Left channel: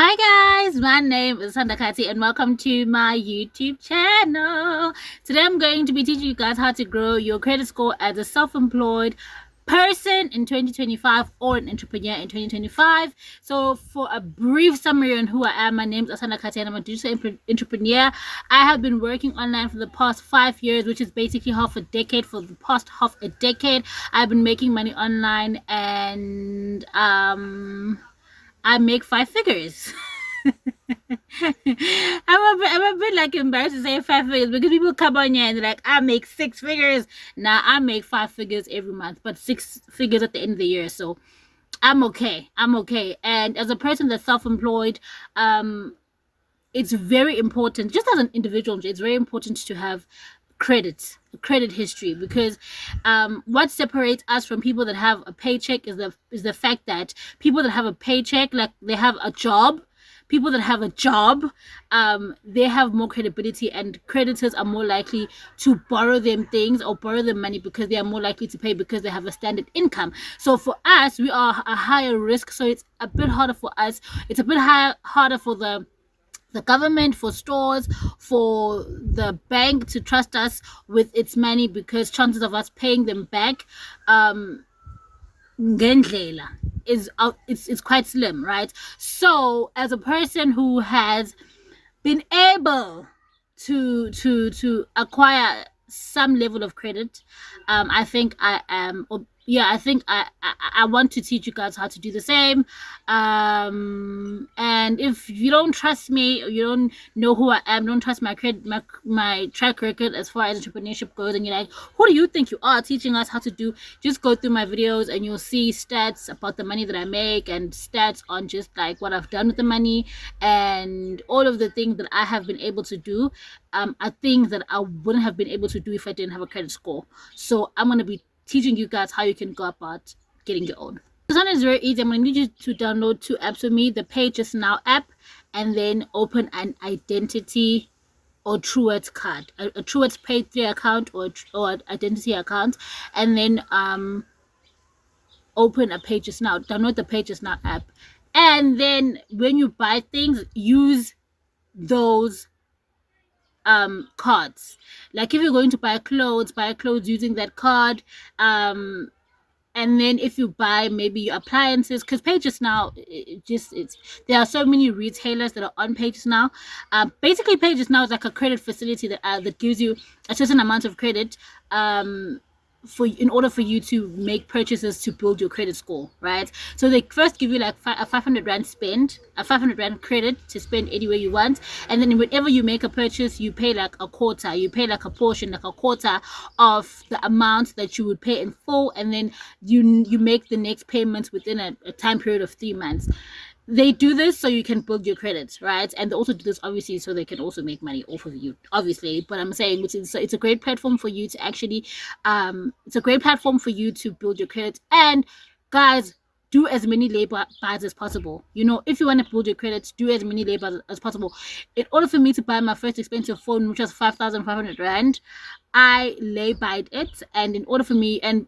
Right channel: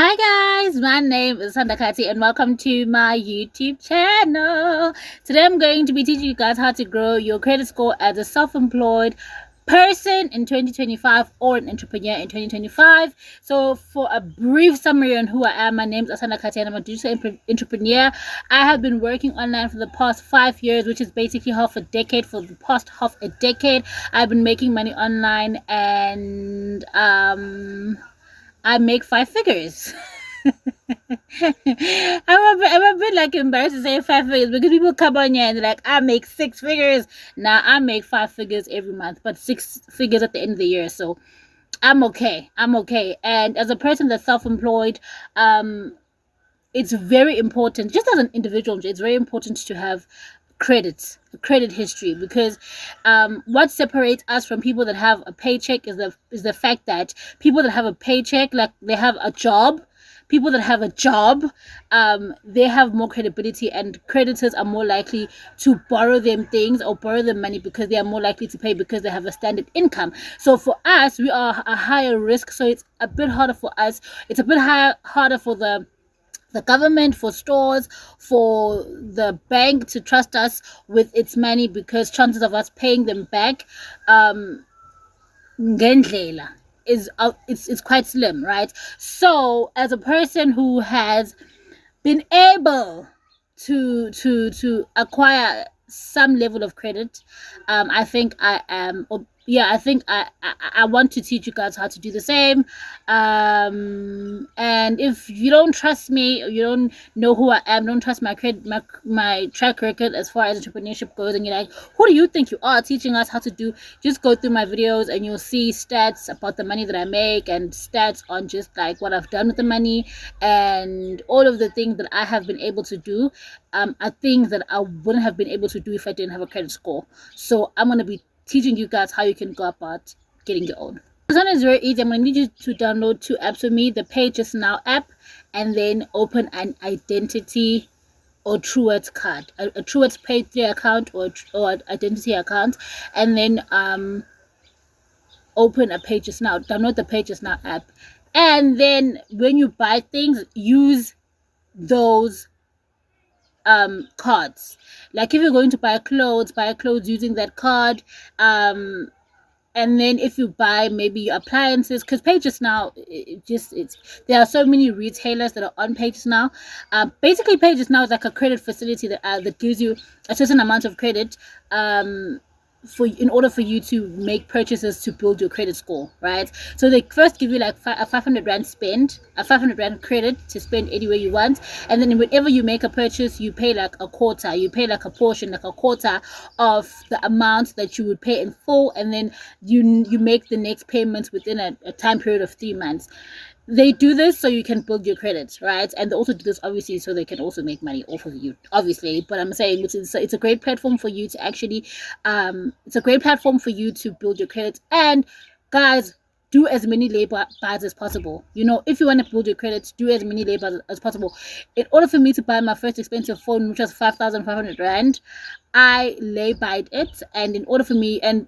Hi guys, my name is Sandakati and welcome to my YouTube channel. Today I'm going to be teaching you guys how to grow your credit score as a self-employed person in 2025 or an entrepreneur in 2025. So for a brief summary on who I am, my name is Asanda Kati and I'm a digital entrepreneur. I have been working online for the past 5 years, which is basically half a decade. For the past half a decade, I've been making money online and I make 5 figures. I'm a bit like embarrassed to say 5 figures because people come on here and they're like, I make 6 figures. Now I make 5 figures every month, but 6 figures at the end of the year. So I'm okay. I'm okay. And as a person that's self-employed, it's very important, just as an individual, it's very important to have credit history, because what separates us from people that have a paycheck is the fact that people that have a paycheck, like they have a job, people that have a job, they have more credibility, and creditors are more likely to borrow them things or borrow them money because they are more likely to pay because they have a standard income. So for us, we are a higher risk, so it's a bit harder for us. It's a bit harder for the government, for stores, for the bank to trust us with its money, because chances of us paying them back ngendlela is it's quite slim, right? So as a person who has been able to acquire some level of credit, I think I am, yeah, I think I want to teach you guys how to do the same. And if you don't trust me, or you don't know who I am, don't trust my credit, my track record as far as entrepreneurship goes, and you're like, who do you think you are teaching us how to do? Just go through my videos and you'll see stats about the money that I make, and stats on just like what I've done with the money, and all of the things that I have been able to do are things that I wouldn't have been able to do if I didn't have a credit score. So I'm going to be teaching you guys how you can go about getting your own. This one is very easy. I'm going to need you to download 2 apps with me, the PayJustNow app, and then open an identity or Truwords card, a Truwords Pay3 account, or identity account, and then open a PayJustNow, download the PayJustNow app, and then when you buy things, use those cards. Like if you're going to buy clothes using that card. And then if you buy maybe your appliances, because PayJustNow, it's there are so many retailers that are on PayJustNow. Basically PayJustNow is like a credit facility that gives you a certain amount of credit in order for you to make purchases to build your credit score, right? So they first give you like a 500 rand spend, a 500 rand credit to spend anywhere you want, and then whenever you make a purchase, you pay like a quarter, you pay like a portion, like a quarter of the amount that you would pay in full, and then you make the next payments within a time period of 3 months. They do this so you can build your credits, right? And they also do this obviously so they can also make money off of you, obviously. But I'm saying it's a great platform for you to actually it's a great platform for you to build your credits. And guys, do as many labor buys as possible. You know, if you want to build your credits, do as many labor as possible. In order for me to buy my first expensive phone, which was 5,500 rand, I labored it. And in order for me, and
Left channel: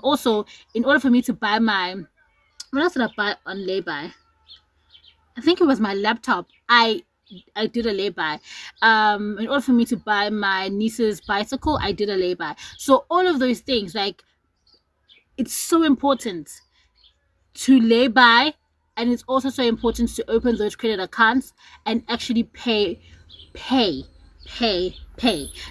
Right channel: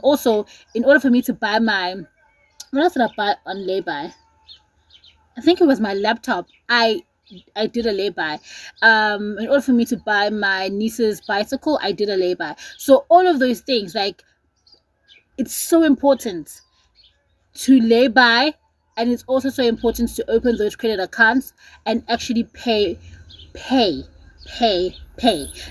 also in order for me to buy my, what else did I buy on lay-by? I think it was my laptop. I did a lay-by. In order for me to buy my niece's bicycle, I did a lay-by. So all of those things, like, it's so important to lay-by, and it's also so important to open those credit accounts and actually pay.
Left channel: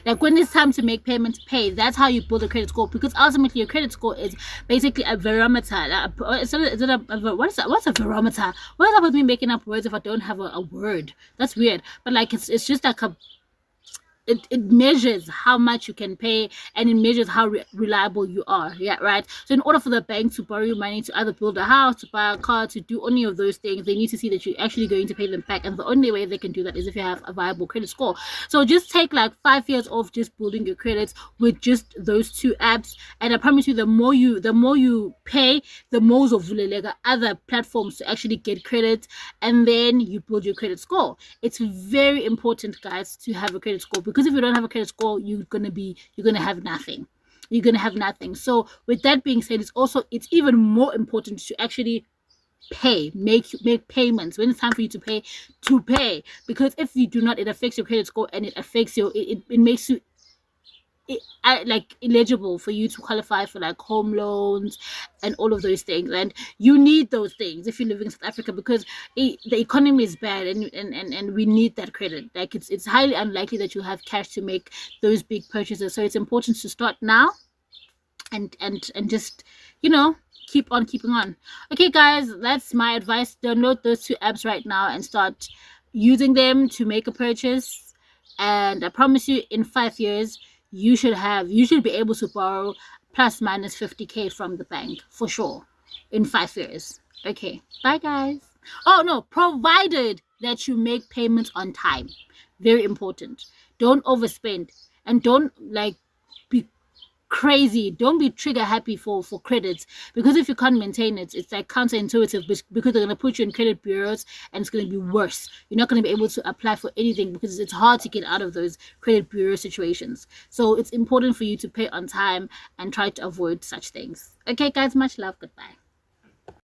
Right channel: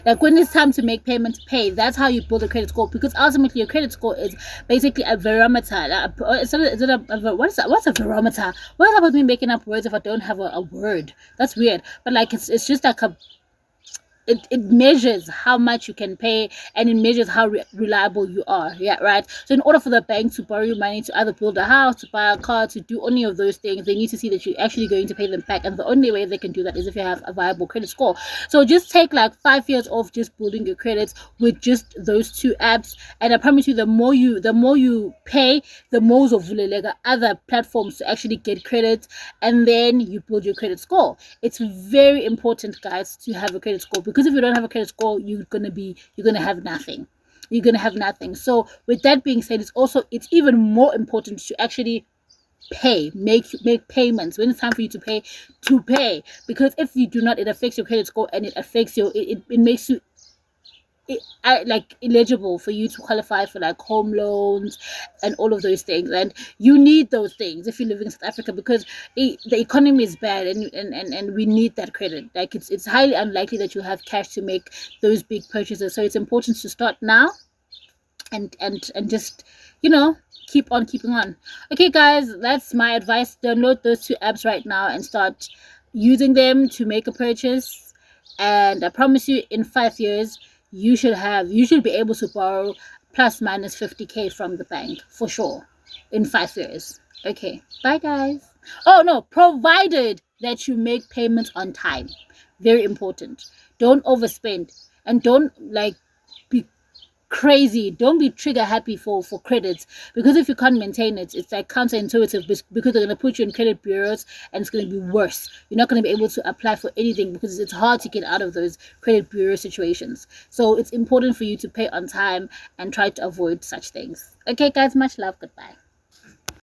Like when it's time to make payments, pay. That's how you build a credit score, because ultimately your credit score is basically a barometer. What's a barometer? What is up with me making up words if I don't have a word? That's weird. But like it's just like it measures how much you can pay, and it measures how reliable you are. Yeah, right. So in order for the bank to borrow you money to either build a house, to buy a car, to do any of those things, they need to see that you're actually going to pay them back, and the only way they can do that is if you have a viable credit score. So just take like 5 years of just building your credits with just those 2 apps, and I promise you, the more you pay, the more of other platforms to actually get credit, and then you build your credit score. It's very important, guys, to have a credit score, because if you don't have a credit score, you're gonna have nothing. You're gonna have nothing. So with that being said, it's even more important to actually make payments when it's time for you to pay, because if you do not, it affects your credit score, and it affects your it makes you like eligible for you to qualify for like home loans and all of those things. And you need those things if you're living in South Africa, because the economy is bad, and we need that credit. Like it's highly unlikely that you have cash to make those big purchases, so it's important to start now and just, you know, keep on keeping on. Okay guys, that's my advice. Download those two apps right now and start using them to make a purchase, and I promise you, in 5 years you should be able to borrow plus minus 50k from the bank for sure in 5 years. Okay, bye guys. Oh no, provided that you make payments on time. Very important. Don't overspend, and don't like be crazy. Don't be trigger happy for credits, because if you can't maintain it, it's like counterintuitive, because they're going to put you in credit bureaus and it's going to be worse. You're not going to be able to apply for anything because it's hard to get out of those credit bureau situations. So it's important for you to pay on time and try to avoid such things. Okay guys, much love. Goodbye.